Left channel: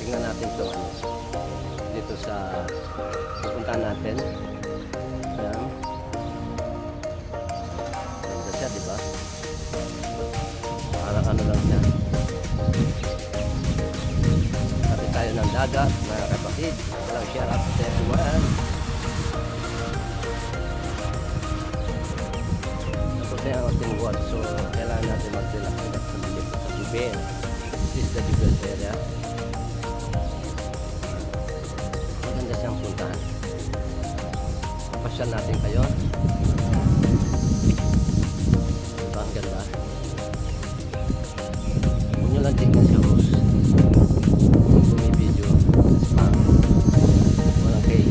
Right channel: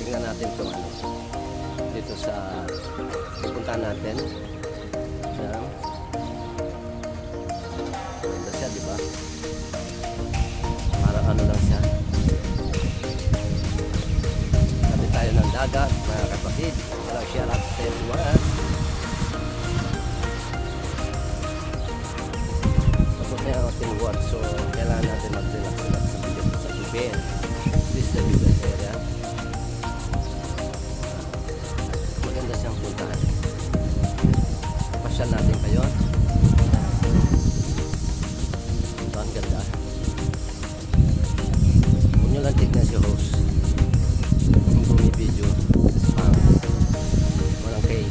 tingnan natin itong ano dito sa pupuntahan natin. Ayan. Ganda siya, di ba? Parang ano lang siya. Sabi tayo ng dagat, mga kapatid. Walang shout out to everyone. Tapos na yung ating watch, so kailangan natin mag-relax sa dito sa Jubel. This is the Jubel area. Maganda siyang puntahan. Pasyal natin kayo. Diba ang ganda? Huwag nyo lang tignan si host kung bumibideo. Spam. Walang kay.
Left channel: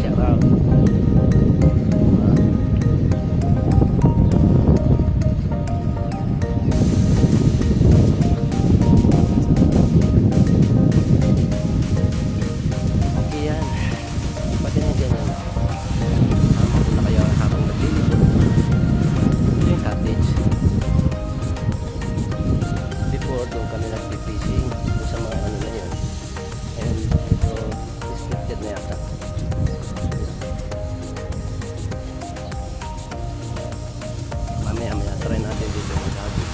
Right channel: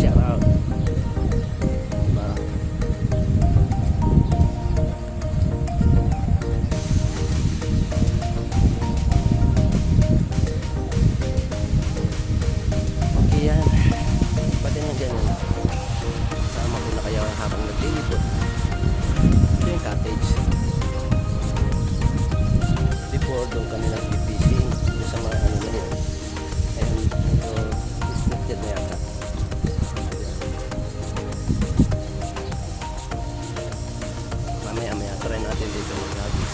Shout out. Diba? Okay yan. Pati na dyan yan. Sama ko na kayo habang naglilipot. Ito yung cottage. Before doon kami nag-fishing doon sa mga ano na yun. And ito restricted na yata. So yan. Mamaya try natin dito mag-hagis.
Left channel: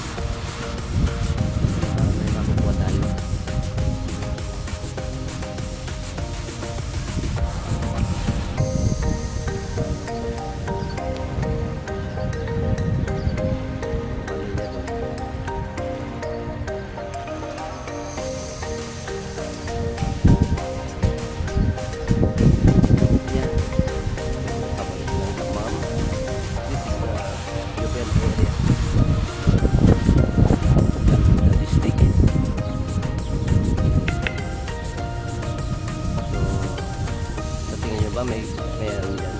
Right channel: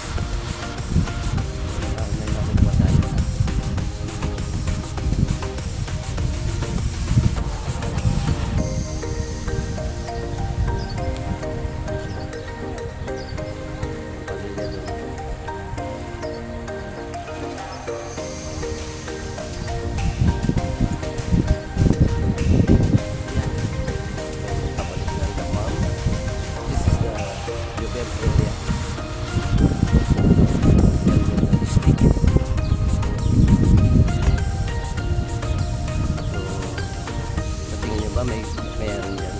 May makukuha tayo. Pamilya doon. Yan. Pabalik ng Damam. This is the Jubel area. Ganda district. So, sa tingin nyo ba mayroon dyan?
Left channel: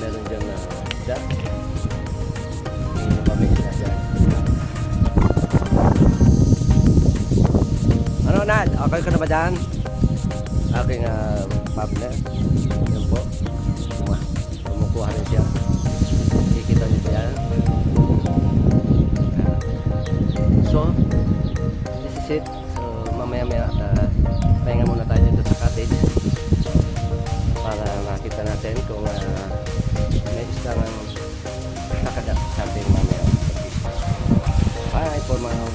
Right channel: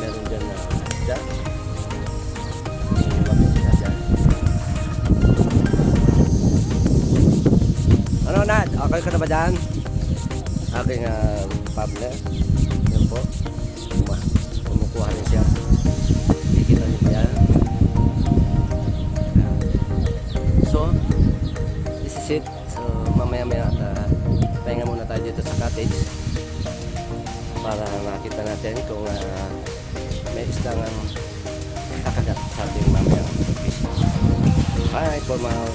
Meron dyan na isda? Tingin nyo ba may isda dyan? Ano Nad? Okay ka na ba dyan? Aking partner. Yan po. Kumukuha rin siya. Kikita nyo ba yan? So, this is it. So, mamaya at pahinga muna tayo dito sa cottage para makita natin kung may isang kakagat sa ating mamaya. Bye for now.